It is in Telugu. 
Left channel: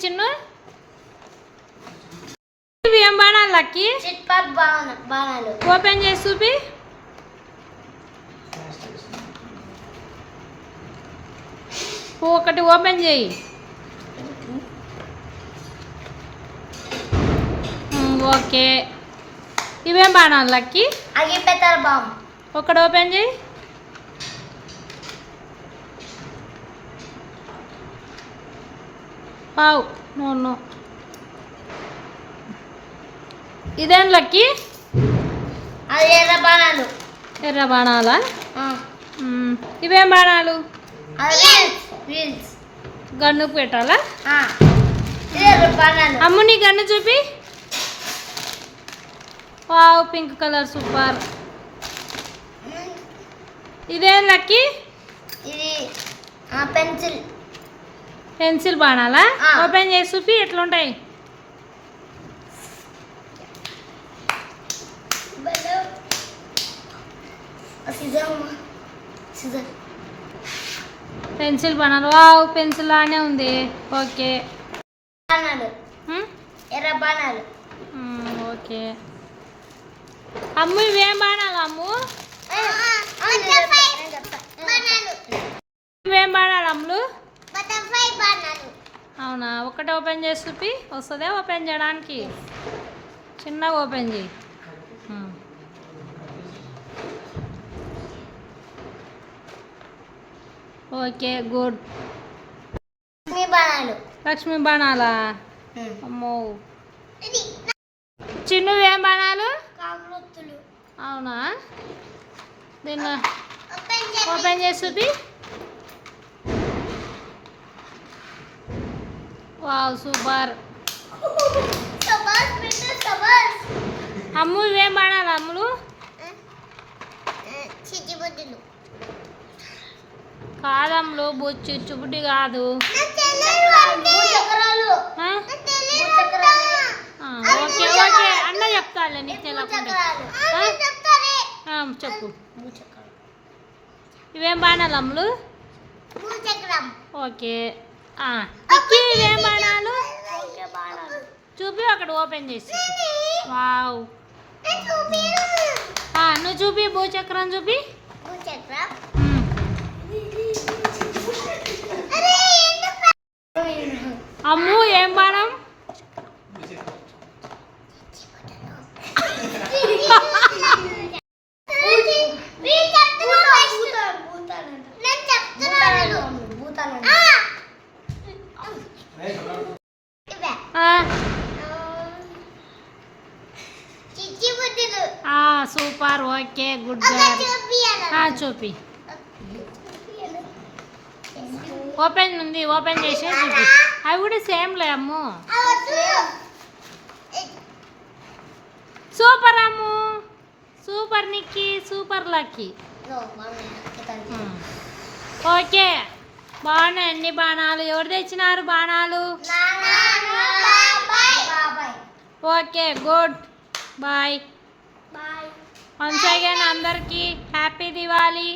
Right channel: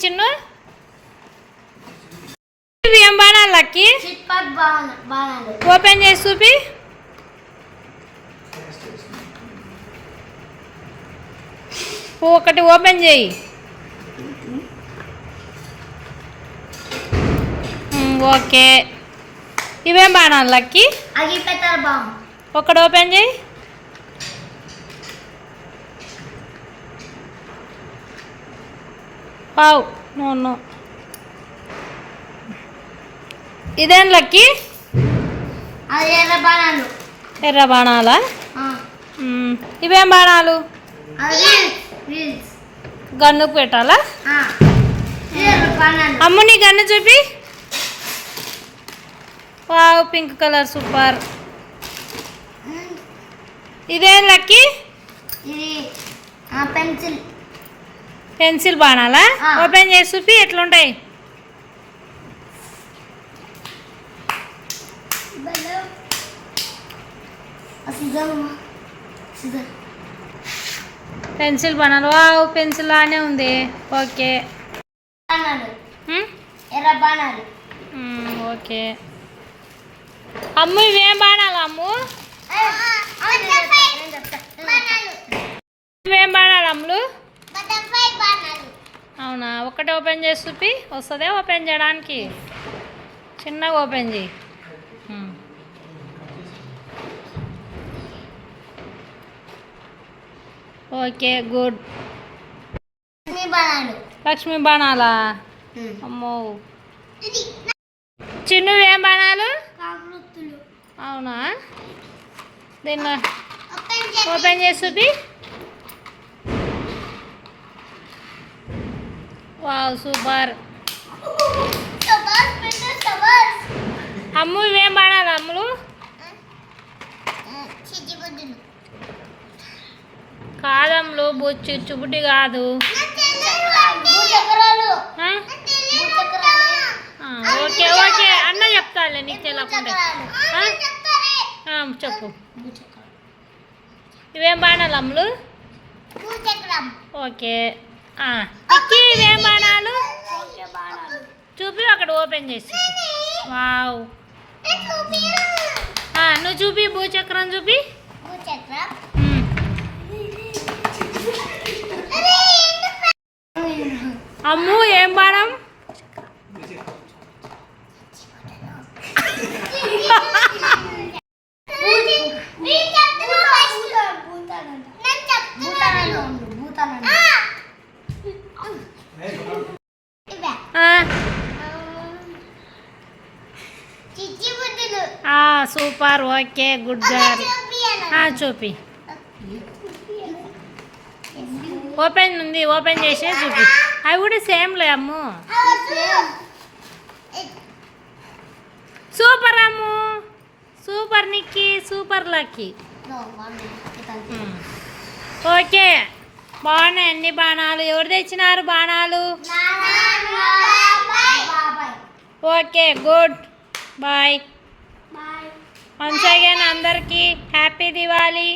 చిన్ను ఇవి ఏం బాణాలు లక్కి ఓపెన్ చేసి చూపి ఒకటి ఓపెన్ చేయి ఓకే ఇవేం బాణాలు లక్కి ఒకటి ఓపెన్ చేయి వావ్ నో నో ఇదేం లక్కి ఎర్ర బాణాలా ఇవేం బాణాలు గన్నుకు పెట్టాలా అమ్ము నీ గన్ను చూపి వావ్ పింక్ కలర్ సూపర్ ఇదేం లక్కి పెన్సిల్ బాణాలా ఓపెన్ చేసి చూపి ఎట్లుంటాయి పెన్సిల్ బాణాలు వావ్ పెన్సిల్ లానే ఉంది ఓకే ఓకే అమ్ము ఇవేం బాణాలు అమ్ము ఇవేం బాణాలు అమ్ములు అవునా ఒకటి ఓపెన్ చేసి చూపి వస్తుందే ఓపెన్ చేయడానికి చిన్నగా ఓపెన్ చేయి ఓకే గుడ్ లక్ష్మీ బాణాలా అమ్మో చిన్ను ఏం బాణాలు అవునా దీన్ని ఓపెన్ చేసి చూపి వావ్ సూపర్ అమ్ము ఇవేం బాణాలు అమ్ములు కాదమ్ములు చిచ్చుబుడ్డి కాదు ఓకే ఓకే అన్న చెప్తాలే నీకు తెలియకుండా చెప్పు ఇవేం బాణాలు అమ్ములు ఓకే ఇక్కి ఇవేం బాణాలు చూపి అక్కడ ఓపెన్ చేసి వావ్ నువ్వు చూపి భూచక్రం చూపి అమ్ము ఏం బాణం సూపర్ ఓకే గుడ్ గర్ల్ చూపి ఓపెన్ ఉంది ఓపెన్ చేసే చూపి అవి కూడా సేమ్లే Ammu super Ammu super Nikki super lucky okay బాగున్నాయి అన్ని బాణాలు ఎవరు తెచ్చినారు బాణాలు okay good boy once again అందరికీ హ్యాపీ దివాళీ